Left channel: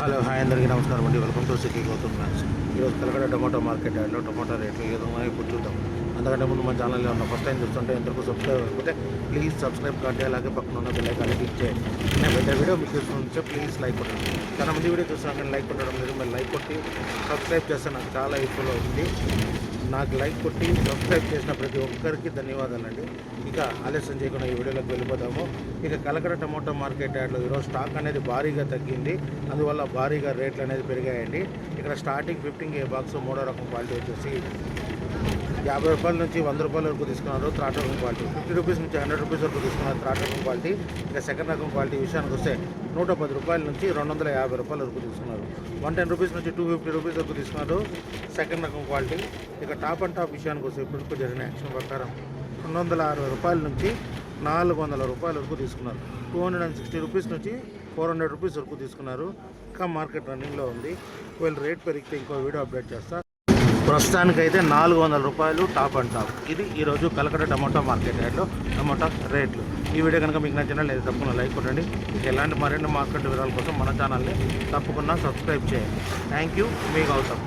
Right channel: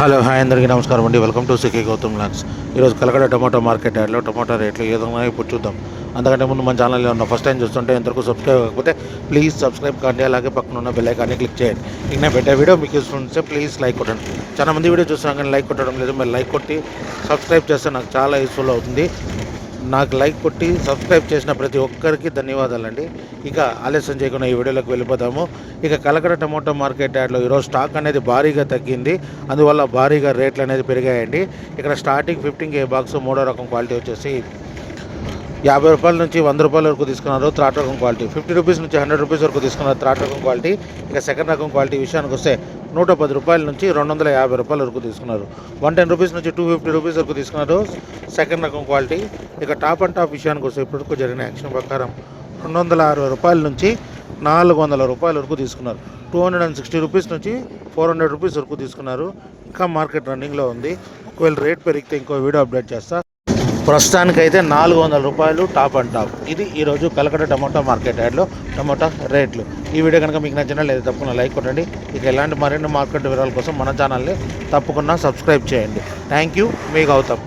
Hello hi అందరికీ నమస్కారం అండి. వెల్కమ్ టు సికే గౌతమ్ లాక్స్. ఈరోజు కలకడ టమాటో మార్కెట్ యాడ్లో టమాటో రేట్లు ఏ విధంగా ఇప్పుడు చూద్దాం. అంతకంటే ముందు మన ఛానల్లో ఉన్న ఫస్ట్ టైం చూస్తుంటే ఎంతవరకు సబ్స్క్రైబ్ కాకపోతే ప్లీజ్ సబ్స్క్రైబ్ కానీ అలాగే పక్కన ఉన్న బెల్ ఐకాన్ని క్లిక్ చేయండి. నేను పెట్టే వీడియో మీకు ఇస్తుంటే ప్లీజ్ లైక్ కొట్టండి. చాలా మంది వీడియో చూస్తున్నాం కానీ లైక్ కొట్టడం లేదు. మీరు లైక్ కొట్టి సబ్స్క్రైబ్ చేస్తే నాకు చాలా యూస్ఫుల్ అవుతుంది. నాకు లైక్ కొట్టి సబ్స్క్రైబ్ చేసిన ప్రతి ఒక్కరికి ధన్యవాదాలండి. ఇక ఆలస్యం చేయకుండా ఈ వీడియోలోకి వెళ్ళిపోతాము. ఇక కలకడ టమాటో మార్కెట్ యార్డ్లో ఈరోజు స్టాక్ అనేది భారీగా తగ్గింది. అందువల్ల భారీగా రేట్లు అనేది పెరిగాయండి. ఇక్కడ స్టార్టింగ్ 15K బాక్స్ మూడో రకం క్వాలిటీ వచ్చేసి 50 రూపాయల నుంచి 100 రూపాయల వరకు తీసుకున్నారు థర్డ్ రకం క్వాలిటీ. 50 రూపీస్ నుంచి 100 రూపీస్ వరకు తీసుకున్నారు థర్డ్ రకం క్వాలిటీ. ఇక సెకండ్ రకం క్వాలిటీ విషయానికి వస్తే 110 రూపాయల నుంచి 250 రూపాయల వరకు తీసుకున్నారు. 110 రూపీస్ నుంచి 250 రూపీస్ వరకు తీసుకున్నారు సెకండ్ రకం క్వాలిటీ. ఇక టాప్ అండ్ టాప్ విషయానికి వస్తే ఇప్పటివరకు జరిగిన యాక్షన్ ప్రకారం 260 రూపాయల నుంచి 400 రూపాయల వరకు తీసుకున్నారు. 260 రూపీస్ నుంచి 400 రూపీస్ వరకు తీసుకున్నారు. ఇంకా మార్కెట్ రన్నింగ్లో ఉంది. ఒకవేళ రేట్ పెరిగితే ఇంకో వీడియో అప్డేట్ చేస్తా. ప్రస్తుతానికైతే 400 రూపాయలు టాప్ అండ్ టాప్. ఇది ఈరోజు కలకడ టమాటో మార్కెట్ యార్డ్లో టమాటా రేట్లు. ఈ వీడియో కనుక మీకు నచ్చినా లేదా తప్పకుండా లైక్ కొట్టండి. ఇక ఎలాంటి మరిన్ని మార్కెట్ వివరాల కోసం మన ఛానల్ని తప్పకుండా సబ్స్క్రైబ్ చేయండి. Thank you. మీ గౌతమ్.